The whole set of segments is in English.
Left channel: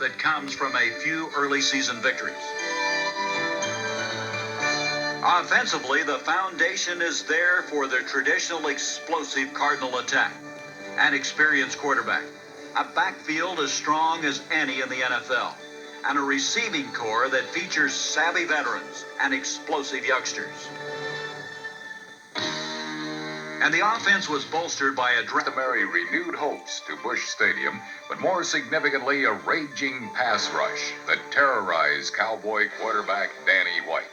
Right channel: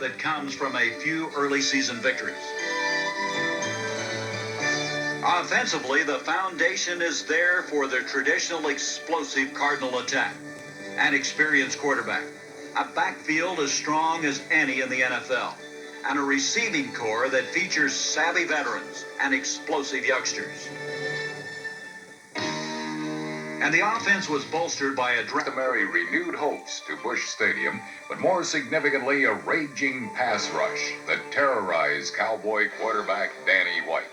that comes from a few early season victories. Offensively, the foundation is there for the traditional explosive Cardinal attack. An experienced quarterback, a backfield as strong as any in the NFL, and a receiving corps that features savvy veterans and explosive youngsters. And the offense was bolstered by a customary renewed hopes to Busch Stadium, but more significantly, a raging pass rush that terrorized Cowboy quarterback Danny White.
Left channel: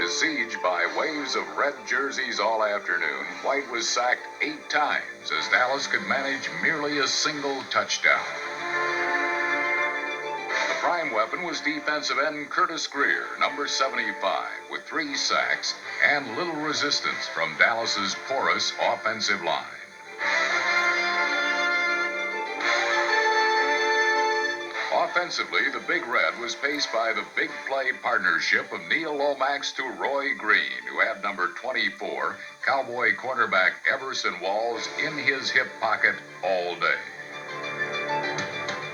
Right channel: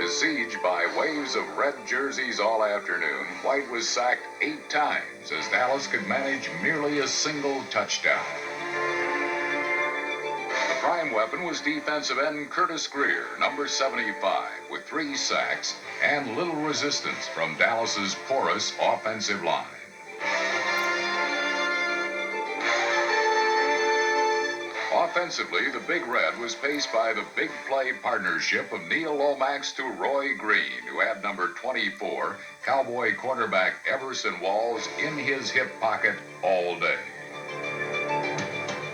Besieged by waves of red jerseys all afternoon, White was sacked 8 times as Dallas could manage merely a single touchdown. The prime weapon was defensive end Curtis Greer, number 75, with 3 sacks and little resistance from Dallas's porous offensive line. Offensively, the Big Red was paced by the big play partnership of Neil Lomax to Roy Green, who had number 24, Cowboy cornerback Everson Walls, in his hip pocket all day.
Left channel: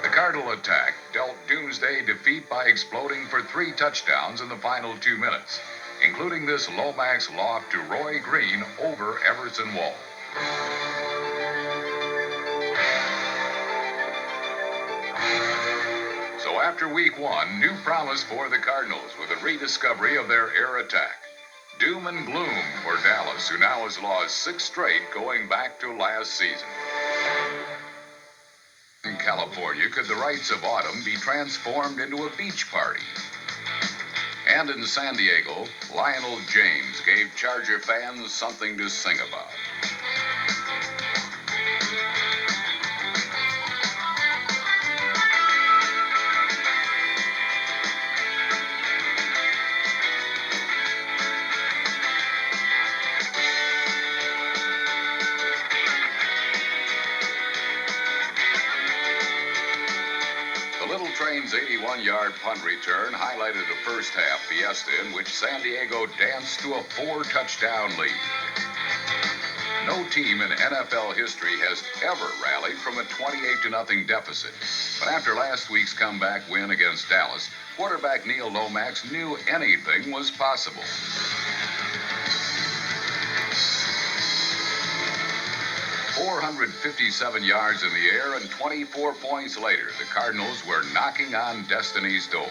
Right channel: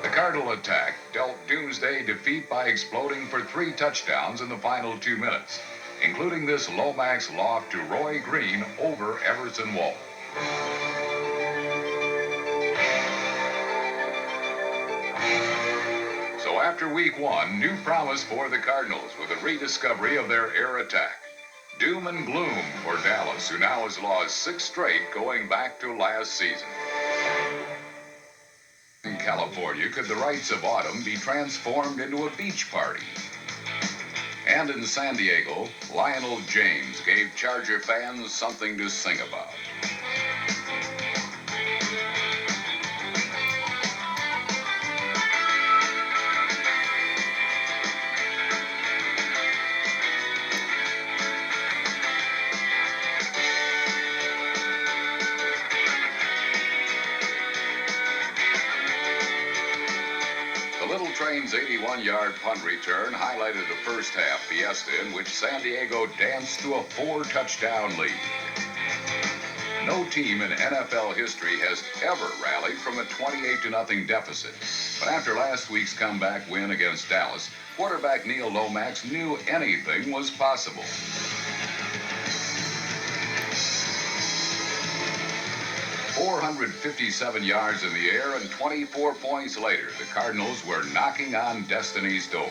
The Cardinal attack dealt doomsday defeat by exploding for 3 touchdowns in the final 2 minutes, including this Lomax loft to Roy Green over Everson Walls. So after week 1, new promise for the Cardinals with a rediscovery of their air attack. Doom and gloom for Dallas, who now has lost 6 straight going back to last season. In California, could the rites of autumn be transformed into a beach party? And in San Diego, Lionel James gave Charger fans something to sing about. The Little Train's 81-yard punt return highlighted the first half fiesta in which San Diego danced to a 4-touchdown lead. No team in NFL history has ever rallied from a 28-0 deficit. But after last week's comeback win against Dallas, quarterback Neil Lomax knew anything was possible. 457 yards in the air and 24 points later, the Cardinals were knocking on destiny's door.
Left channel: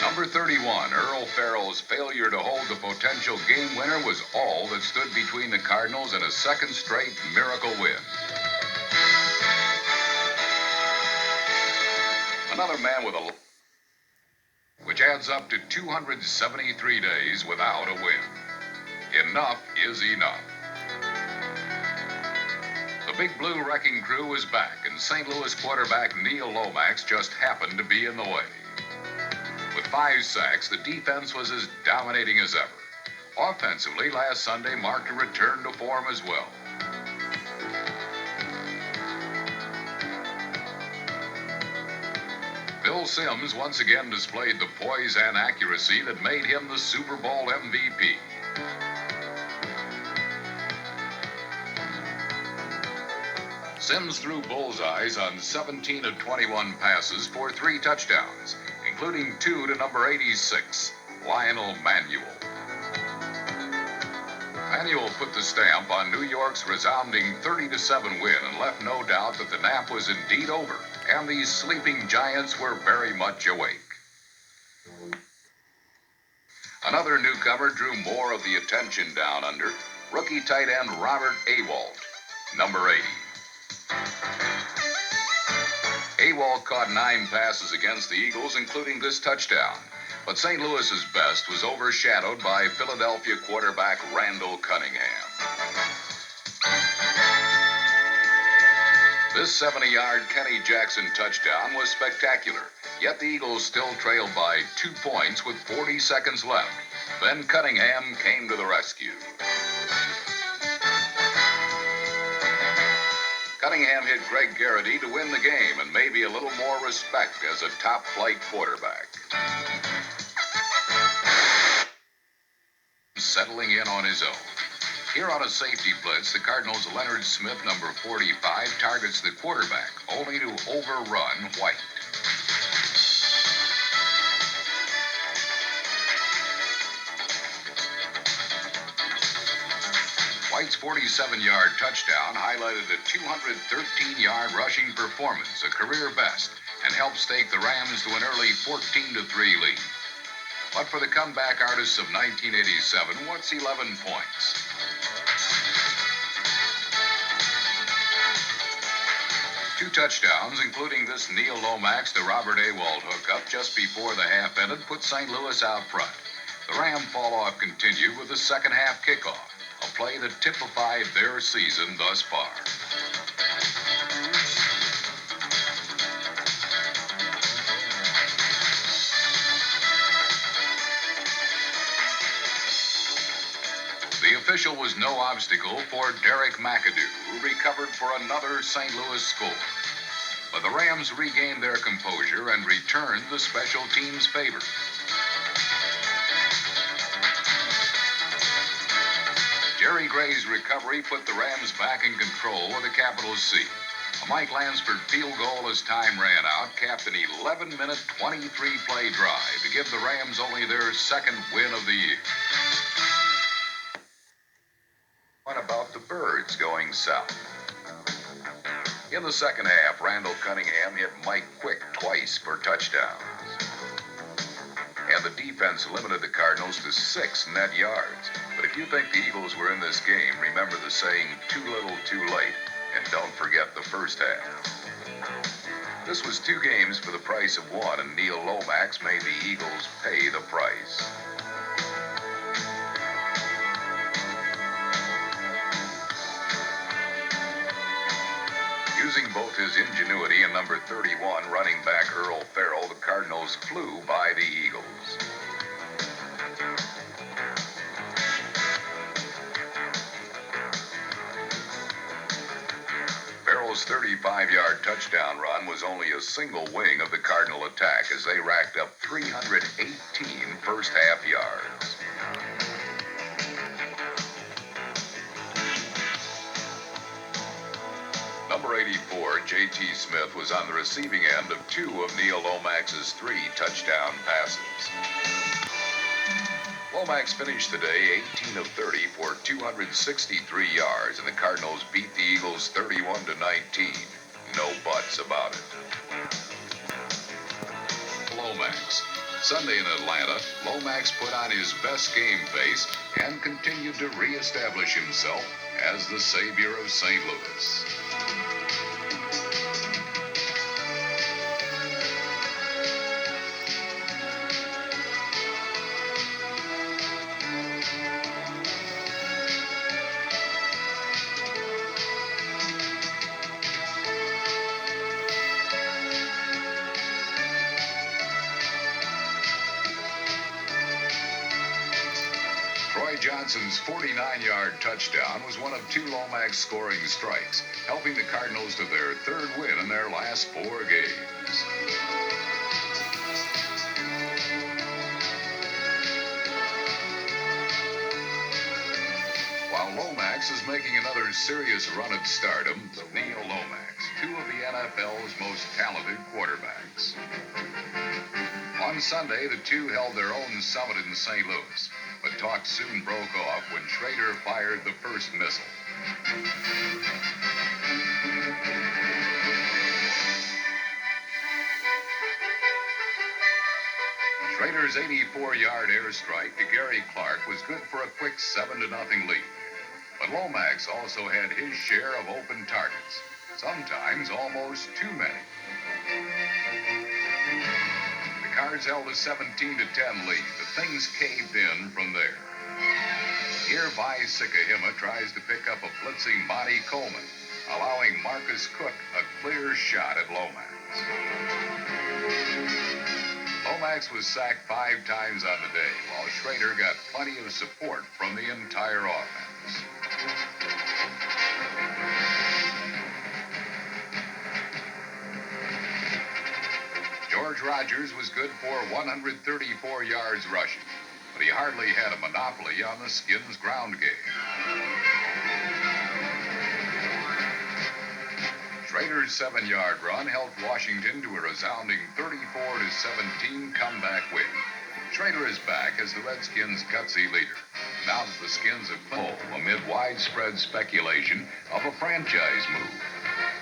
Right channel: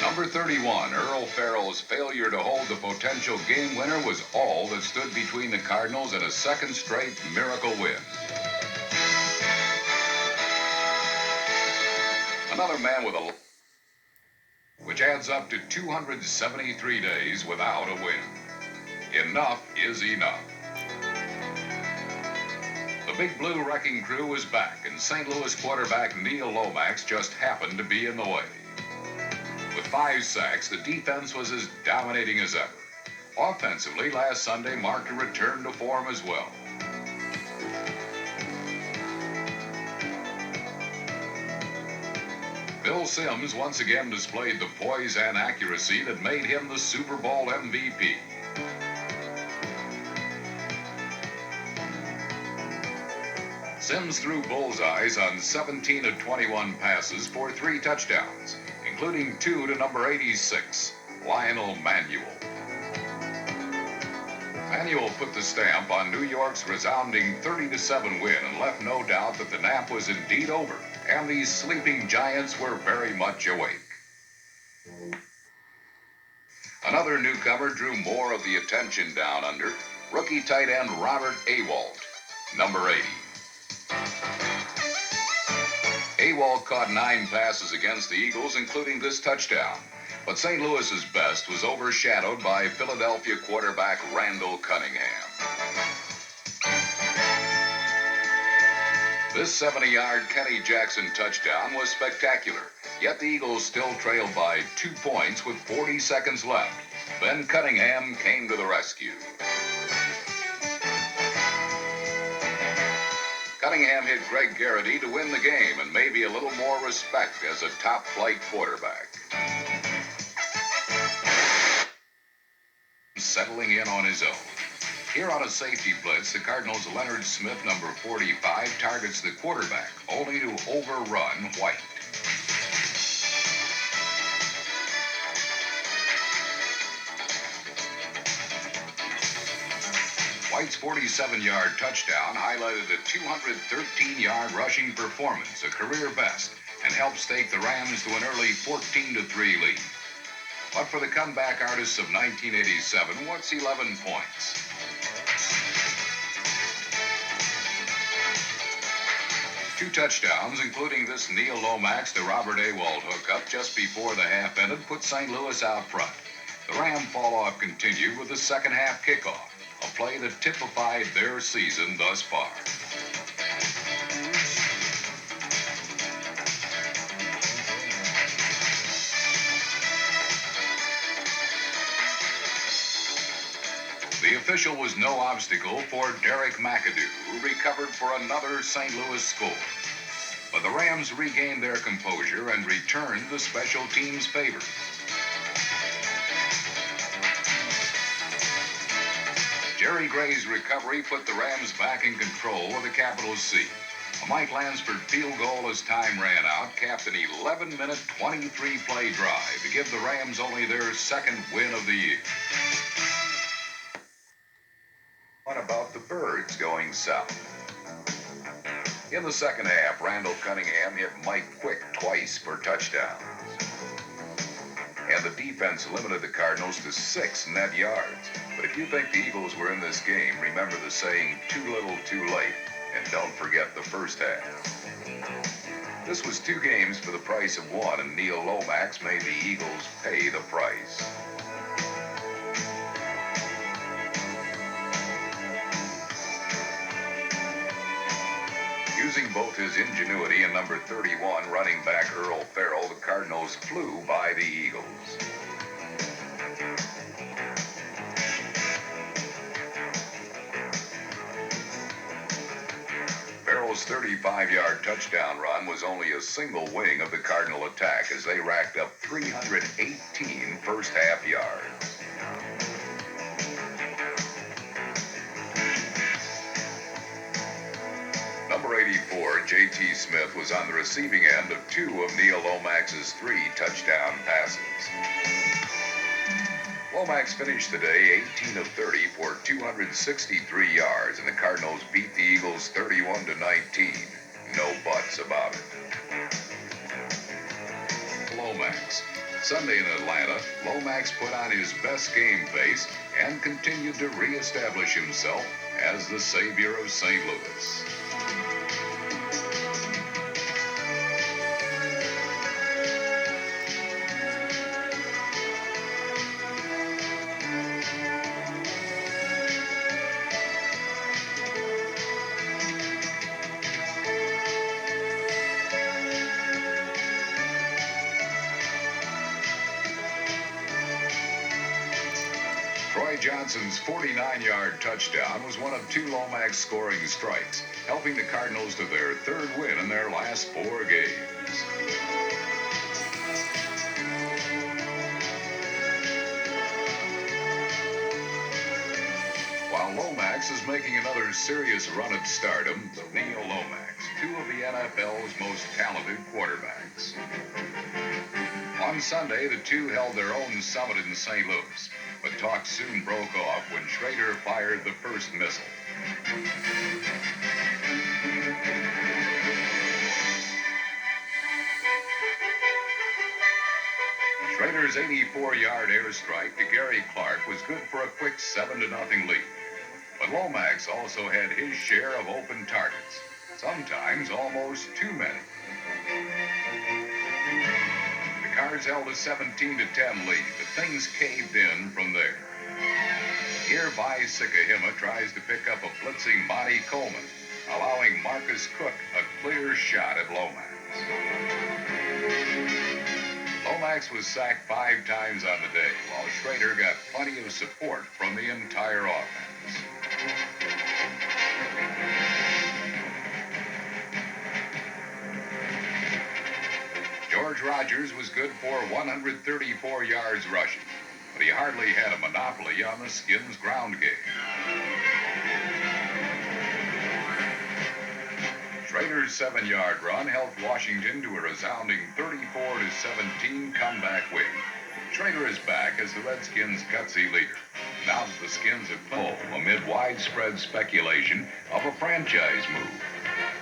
Number 31, Earl Farrell's failure to hold the potential game winner was all that stood between the Cardinals and a second straight miracle win. Another man with a... which adds up to 273 days without a win. Enough is enough. The Big Blue wrecking crew was back, and St. Louis quarterback Neil Lomax just happened to be in the way. With 5 sacks, the defense was as dominating as ever. Offensively, last Sunday marked a return to form as well. Bill Sims once again displayed the poise and accuracy that made him the Super Bowl MVP. Sims threw bullseyes on 17 of 21 passes for 3 touchdowns, including 2 to number 86, Lionel Manuel. Manuel put the stamp on New York's resounding 30-7 win and left no doubt that the nap was indeed over, and these sleeping giants were very much awake. Another newcomer drew more of the attention down under, rookie tight end Robert Awalt, number 80. Awalt caught 9 passes against the Eagles, including this touchdown. But St. Louis's best was overshadowed by Philadelphia quarterback Randall Cunningham. This 70-yard Kenny Jackson touchdown was spectacular, yet the Eagles still trailed by 2 points with 40 seconds left. Then Cunningham came to the rescue. Cunningham hit Greg Garrity to win the game and maybe a little more respect as a top-flight quarterback. settling in on his own. Here on a safety blitz, the Cardinals' Leonard Smith, number 45, targets the quarterback, only to overrun White. White's 47-yard touchdown highlighted a 213-yard rushing performance, a career best, and helps take the Rams to an early 14-3 lead. But for the comeback artists of 1987, what's 11 points? Two touchdowns, including this Neil Lomax to Robert Awald hookup just before the half ended, put St. Louis out front. The Ram fall-off continued with the second half kickoff, a play that typified their season thus far. The official was no obstacle for Derek McAdoo, who recovered for another St. Louis score. But the Rams regained their composure and returned the special teams favor. Jerry Gray's recovery put the Rams back in control with a capital C. A Mike Lansford field goal as time ran out capped an 11-minute, 23-play drive to give the Rams only their second win of the year. What about the Birds going south? In the second half, Randall Cunningham hit Mike Quick twice for touchdowns. And the defense limited the Cardinals to 6 net yards. But if you think the Eagles were in this game, remember the saying, too little, too late, and don't forget the first half. This was 2 games for the price of 1, and Neil Lomax made the Eagles pay the price. Using both his ingenuity and number 31 running back Earl Farrell, the Cardinals flew by the Eagles. Farrell's 35-yard touchdown run was only a single wing of the Cardinal attack as they racked up 318 first-half yards. Number 84, J.T. Smith, was on the receiving end of 2 of Neil Lomax's 3 touchdown passes. Lomax finished the day 18 of 30 for 263 yards, and the Cardinals beat the Eagles 31-19. No buts about it. Lomax. Sunday in Atlanta, Lomax put on his best game face and continued to reestablish himself as the savior of St. Louis. Troy Johnson's 49-yard touchdown was one of 2 Lomax scoring strikes, helping the Cardinals to their 3rd win in their last 4 games. While Lomax is making another serious run at stardom, Neil Lomax, 2 of the NFL's most talented quarterbacks. On Sunday, the 2 held their own summit in St. Louis, but talk soon broke off when Schrader fired the first missile. Schrader's 84-yard airstrike to Gary Clark was good for a quick 7-0 lead. But Lomax also had his share of open targets, sometimes almost too many. The Cards held a 17-10 lead, but things caved in from there. Here, Vi Sikahima tries to pick up a blitzing Monty Coleman, allowing Marcus Cook a clear shot at Lomax. Lomax was sacked 5 times on the day, while Schrader got plenty of support from the entire offense. George Rogers was good for 134 yards rushing, but he hardly had a monopoly on the Skins' ground game. Schrader's 7-yard run helped Washington to a resounding 34-17 comeback win. Schrader is back as the Redskins' gutsy leader. Now that the Skins have home amid widespread speculation of a franchise move.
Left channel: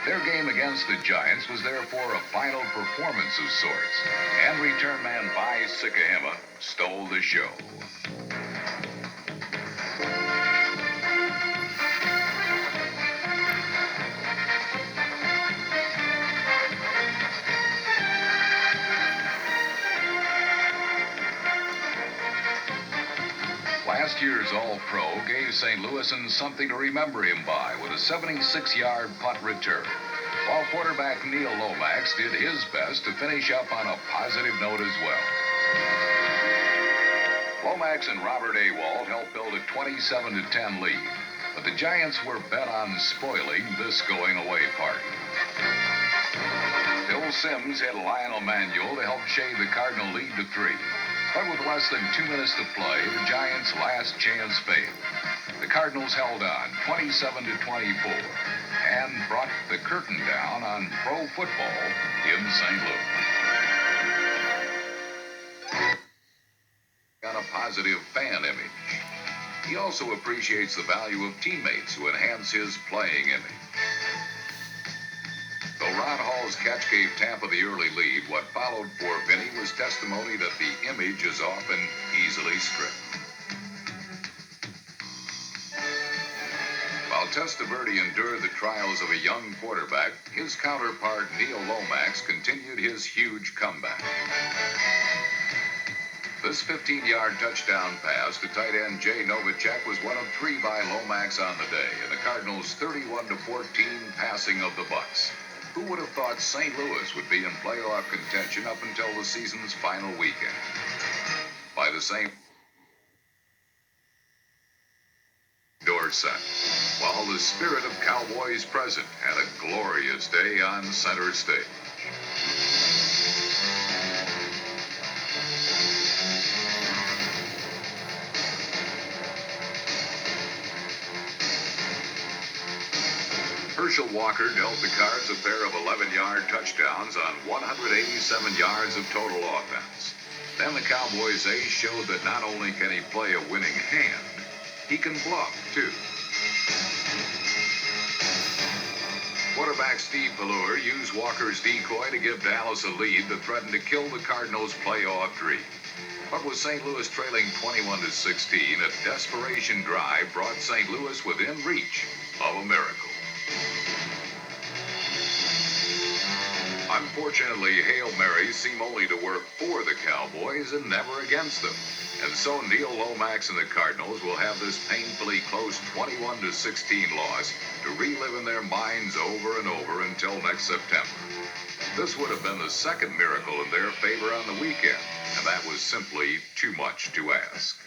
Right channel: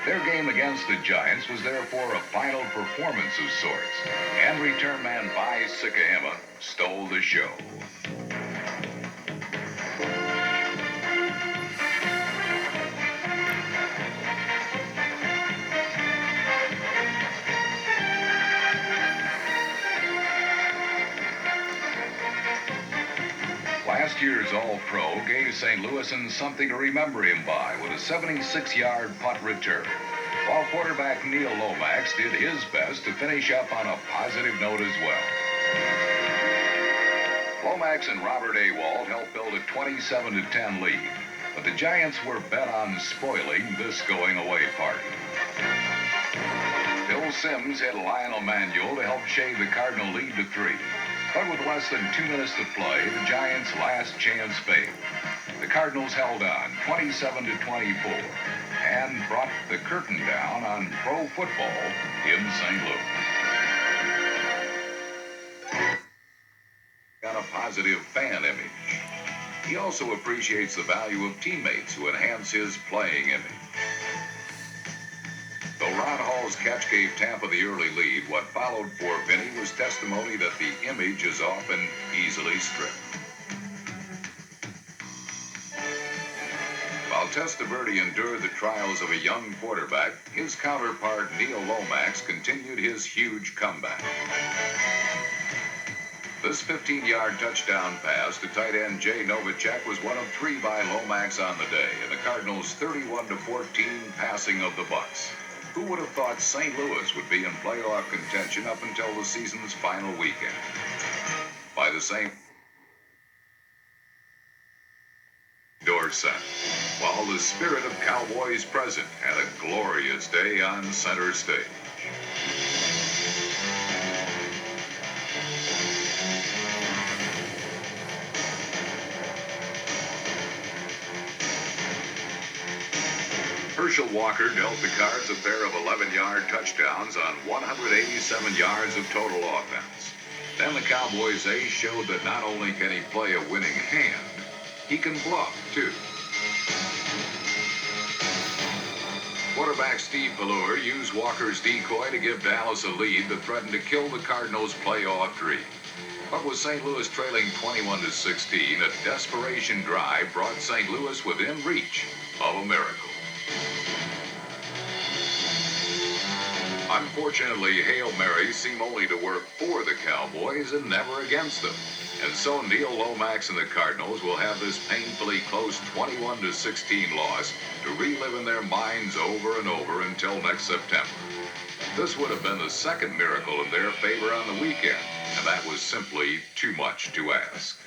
Their game against the Giants was therefore a final performance of sorts, and return man Vi Sikahema stole the show. Last year's All-Pro gave St. Louisans something to remember him by with a 76-yard punt return, while quarterback Neil Lomax did his best to finish up on a positive note as well. Lomax and Robert Awald helped build a 27-10 lead, but the Giants were bent on spoiling this going-away party. Bill Sims hit Lionel Manuel to help shave the Cardinal lead to 3. But with less than 2 minutes to play, the Giants' last chance failed. The Cardinals held on 27-24 and brought the curtain down on pro football in St. Louis. Got a positive fan image. He also appreciates the value of teammates who enhance his playing image. Though Ron Hall's catch gave Tampa the early lead, what followed for Vinny was testimony that the image is often easily stripped. While Testaverde endured the trials of a young quarterback, his counterpart Neil Lomax continued his huge comeback. This 15-yard touchdown pass to tight end Jay Novacek was one of 3 by Lomax on the day in the Cardinals' 31-14 passing of the Bucs. Who would have thought St. Louis would be in playoff contention up until the season's final weekend? By the same Dorset, while the spirit of Cowboys present had a glorious day on center stage. Herschel Walker dealt the Cards a pair of 11-yard touchdowns on 187 yards of total offense. Then the Cowboys ace showed that not only can he play a winning hand, he can bluff, too. Quarterback Steve Ballure used Walker's decoy to give Dallas a lead that threatened to kill the Cardinals' playoff dream. But with St. Louis trailing 21-16, a desperation drive brought St. Louis within reach of a miracle. Unfortunately, Hail Marys seem only to work for the Cowboys and never against them. And so Neil Lomax and the Cardinals will have this painfully close 21-16 loss to relive in their minds over and over until next September. This would have been the second miracle in their favor on the weekend, and that was simply too much to ask.